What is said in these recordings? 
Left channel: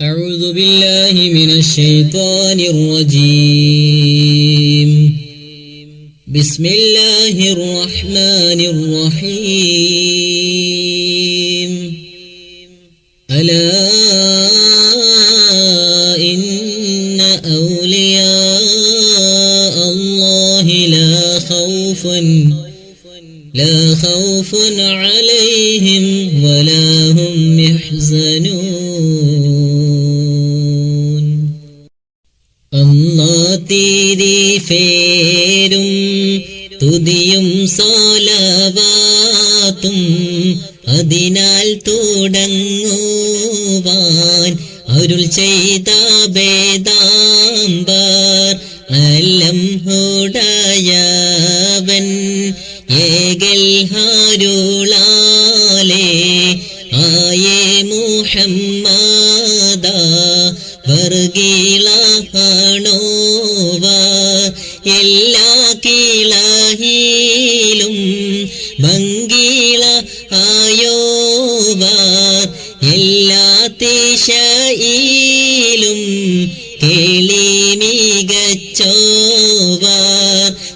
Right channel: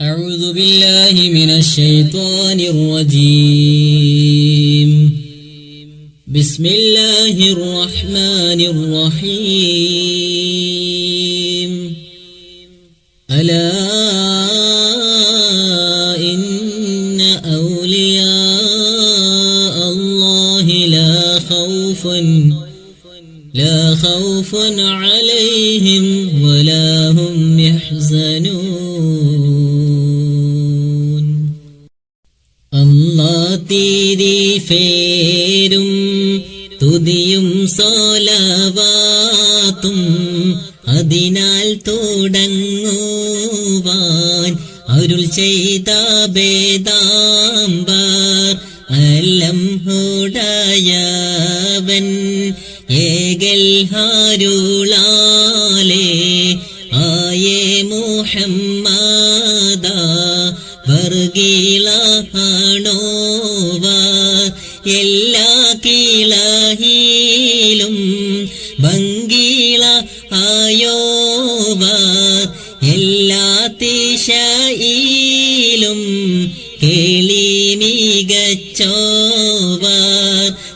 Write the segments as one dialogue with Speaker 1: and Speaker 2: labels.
Speaker 1: أعوذ بالله من الشيطان الرجيم. بسم الله الرحمن الرحيم. ألا إن أولياء الله لا خوف لا خوف عليهم ولا هم يحزنون. തുതിയും സോലവാത്തും അതിനാൽ തുടങ്ങുവാൻ അരുൾ ചെയ്ത ഭേദാംബർ അല്ലം ഹുടയവൻ ഏകൽ ആയേ മുഹമ്മദ എല്ലാ ദിശയിലും കേളി മികച്ചോവ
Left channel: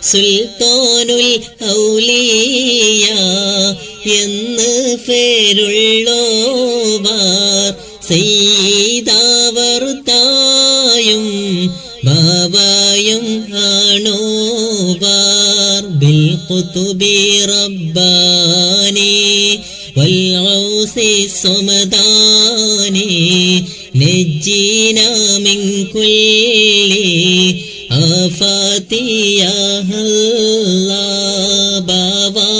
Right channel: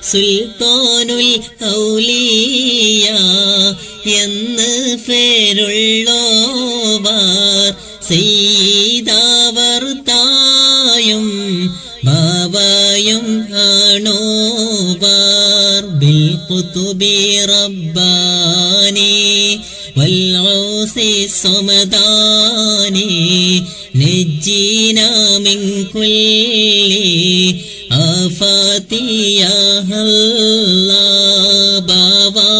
Speaker 1: സുൽത്താനുൽ ഔലിയ എന്ന് പേരുള്ളോവാർ. സീതാവർത്തായും തായും ബാബായും ആണോവാർ. ബിൽ കുത്തുബി റബ്ബാനി والعوث الصمداني نجينا من كل آفات يا الله بابا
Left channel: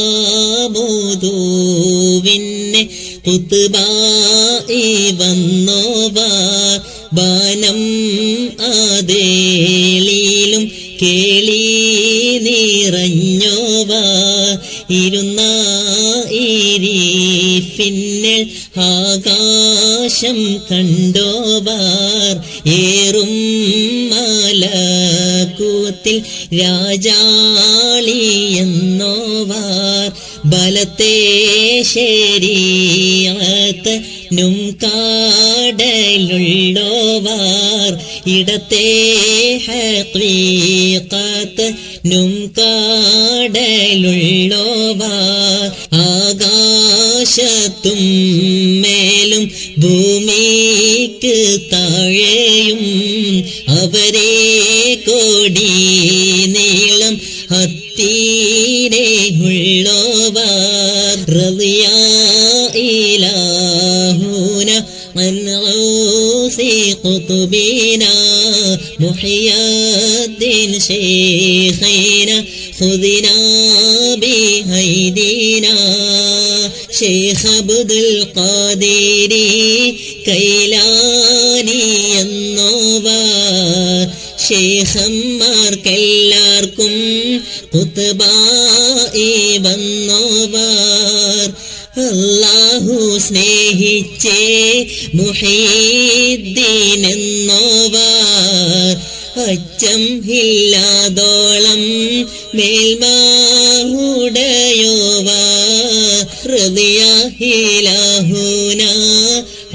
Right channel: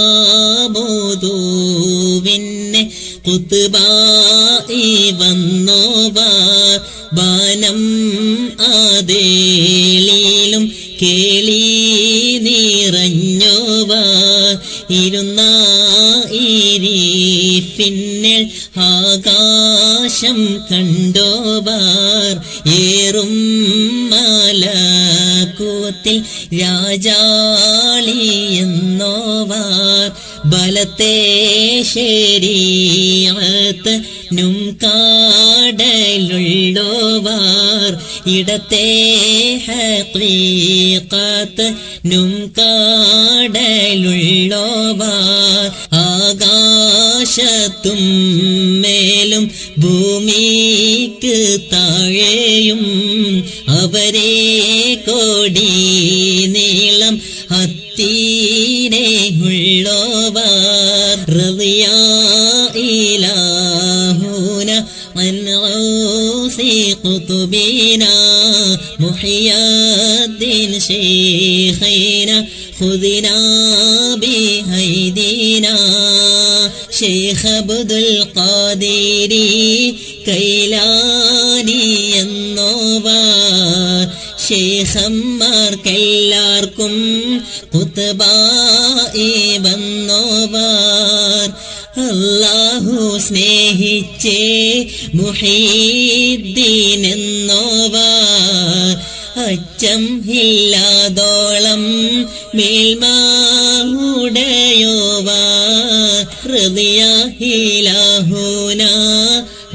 Speaker 1: ബോധുവിന്നെ കുത്തുബായി വന്നോവാർ ബാനം അതേളിലും കേളി ഇരിഫിന്നൽ ആകാശം കണ്ടോവാർ. ഏറും മലക്കൂത്തിൽ രാജാളി എന്നോവാർ. ബലത്തെ ശരീരത്ത് നും കാടലുള്ളോവാർ. ഇടത്തെ ഹീക്കാത്ത് നും കാടലുള്ളോവാർ. ആകാശത്തും മേലും ഭൂമിക്ക് താഴെയും അവരെ കോടി നീളം ഹത്തീനെ ഉള്ളോവാർ റളിയായിലാഹൂന عن غوث قطبنا محي الدين شيخنا خذنا بأيدينا ഷെയ്ഖ് അബ്ദുൽ ഖാദേരി കൈലാനി എന്നോവ. ഷെയ്ഖന്മാർക്കെല്ലാവർക്കും കുത്തുബായി വന്നോവാർ. അല്ലാഹു സ്നേഹിച്ചേ മുഹീദ്ദീൻ അച്ചം ഇല്ലാതോളം മേൽമാടയോവാർ മേൽമാവുടയോവാർ ഹൃദയഹിലാഹൂന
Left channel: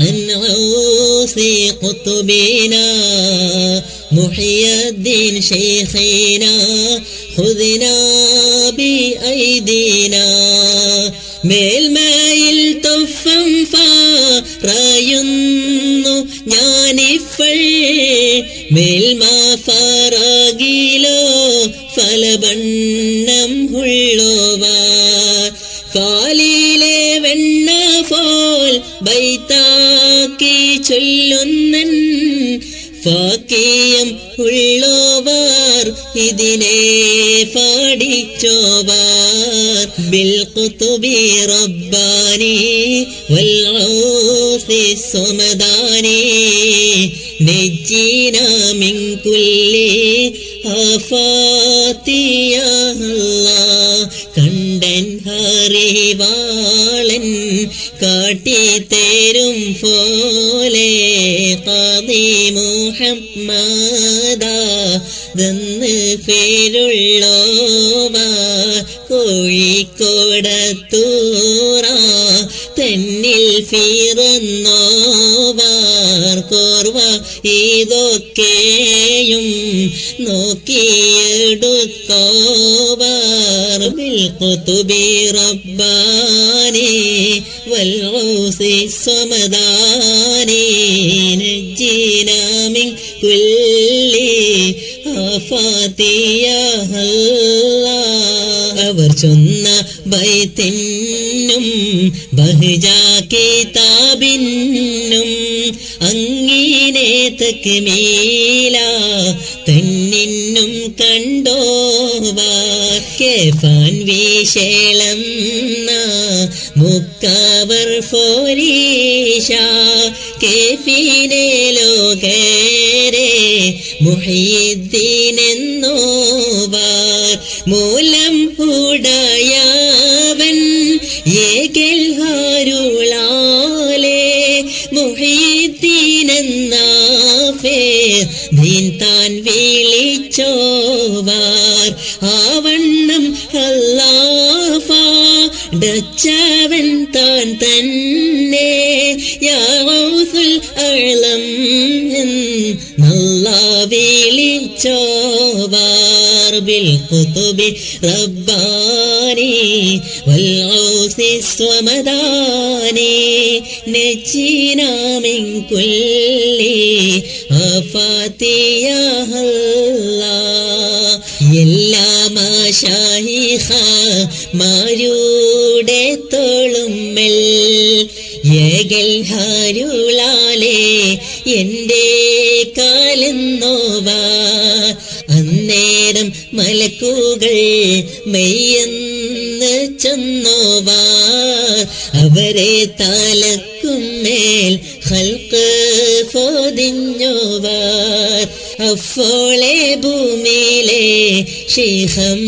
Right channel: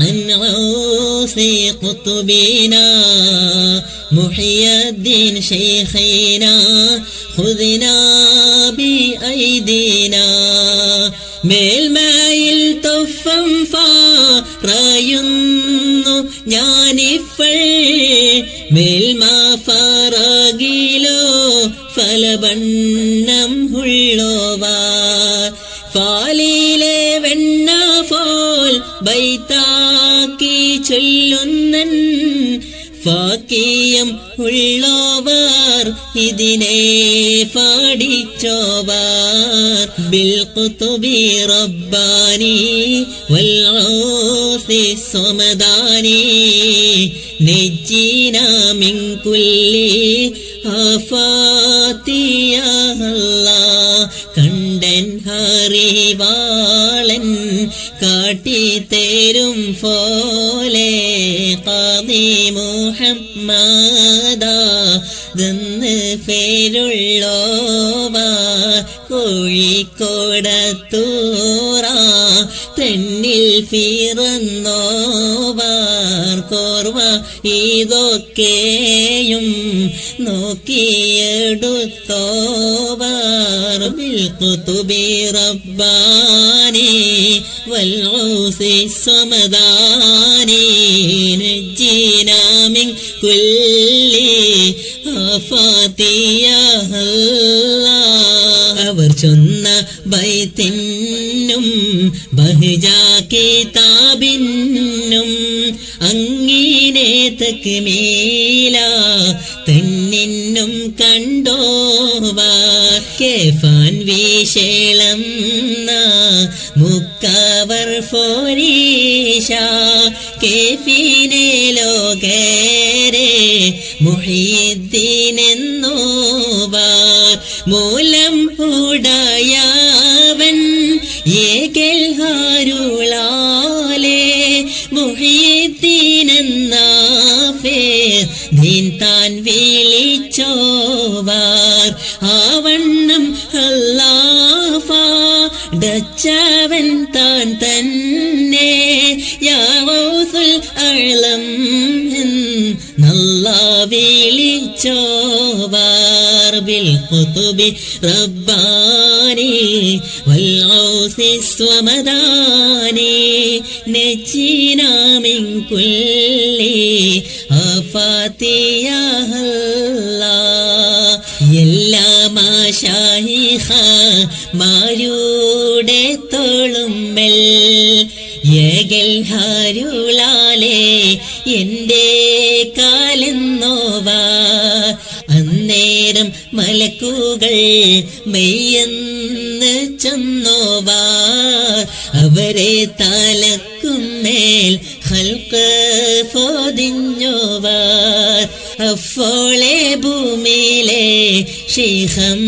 Speaker 1: അൻസി കുത്തുബീന محي الدين شيخنا خذنا بأيدينا മേൽമയിൽ തഫം പറയുന്നു ഞാനിഫൾ മേൽമ ഫറകിലോ ഫലബണ്ണം ഉള്ളോവാ ഫാലിലെ വെണ്ണ ഫോൽ ബൈത്താക്കി ചൊല്ലുന്നൻ ഫാക്കിയം ഉള്ളോവാർ ഇതിനെ പാടിച്ചോവാർ. ബിൽ കുതുബി റബ്ബാനി വൽ ഔസി സമദാനി നജ്ജീന മിൻ കുല്ലി ആഫാത്തിയ കണ്ടൻ ഹറിവാളൻ കാട്ടിത്തേരും പോലെ കാതി മുഹമ്മദ. നിന്ന് പേരുള്ളോവ കോഴിക്കോടത്തൂറ തന്നിൽ ഫിറന്നോവ കോർവ ഇതൊക്കെയും നോക്കിയെടുത്തോവാർ റബ്ബാനി വൽഊസി സ്വമദാനി നജ്ജിന മിൻ കുല്ലി ആഫാതിയ അവർ ചൊന്ന ബൈത്തിന്നും ബഹുജാ കിതാബിന്നും അങ്ങിനെ തക്മീല തന്നിന്നും തെന്നിന്നും കേഫാൻ വിശേളം മുക്കാവർ ഫോരീഷ കേഫിനെ ലോകരെ മുഹീദ്ദീനെന്നോവാർ മൂലം ഉടയവൻ ഏകൽഹാരുളാലേ ഹാരുളാലേ മുഹീദ്ദീനെന്ന ഫേർ ദീൻ താൻ വിളിച്ചോവാർ. ആവണ്ണം അല്ലാഫ ഡച്ചവൻ താൻ തന്നെ. യാസുൽ അളം നല്ല വിളിച്ചോവാർ ബിൽ കുതുബി റബ്ബാനി വൽഔസി സ്വമദാനി നജ്ജിന മിൻ കുല്ലി ആഫാതിയ എല്ലാ മാഷായിഹ മാരുടെ തോളുമ്മൽ ഏകൽ ഹാരുളാലേ എന്റെ കാലെന്നോവാ അന്നേരം മലക്കുകൾ മെയ്യെന്ന് ചെന്നോവാ. അവരെ തലക്കുമേൽ ഹൽക്ക് പൊതിഞ്ഞോവാർ അഫോളെ ഭൂമിയിലെ ശേഖന്മാരെല്ലാരും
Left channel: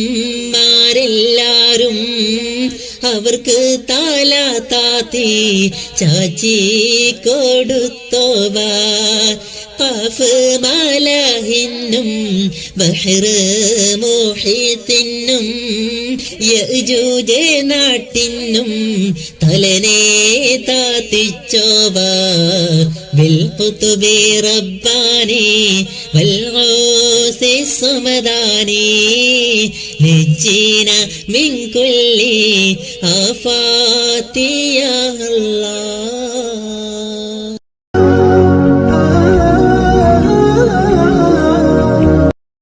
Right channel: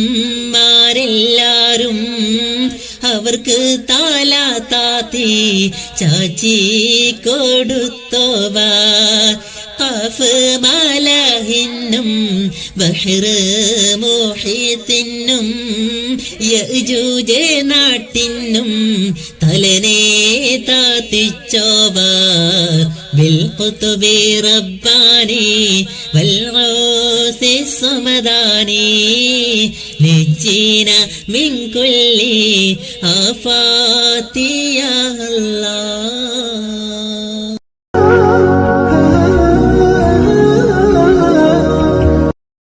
Speaker 1: അവർക്ക് താല താത്തി ചാച്ചി കൊടുത്തോവാ. കാഫ് മാലാഹിന്നും ബഹ്റ മോഹിത്തിനും യജൂജ നാട്ടിനും തലനെ താതിച്ചോവ ബിൽ ഖുതുബി റബ്ബാനി വൽഊസി സമദാനി നജ്ജിന മിൻ കുല്ലി ആഫാതിയ അല്ലാഹ്.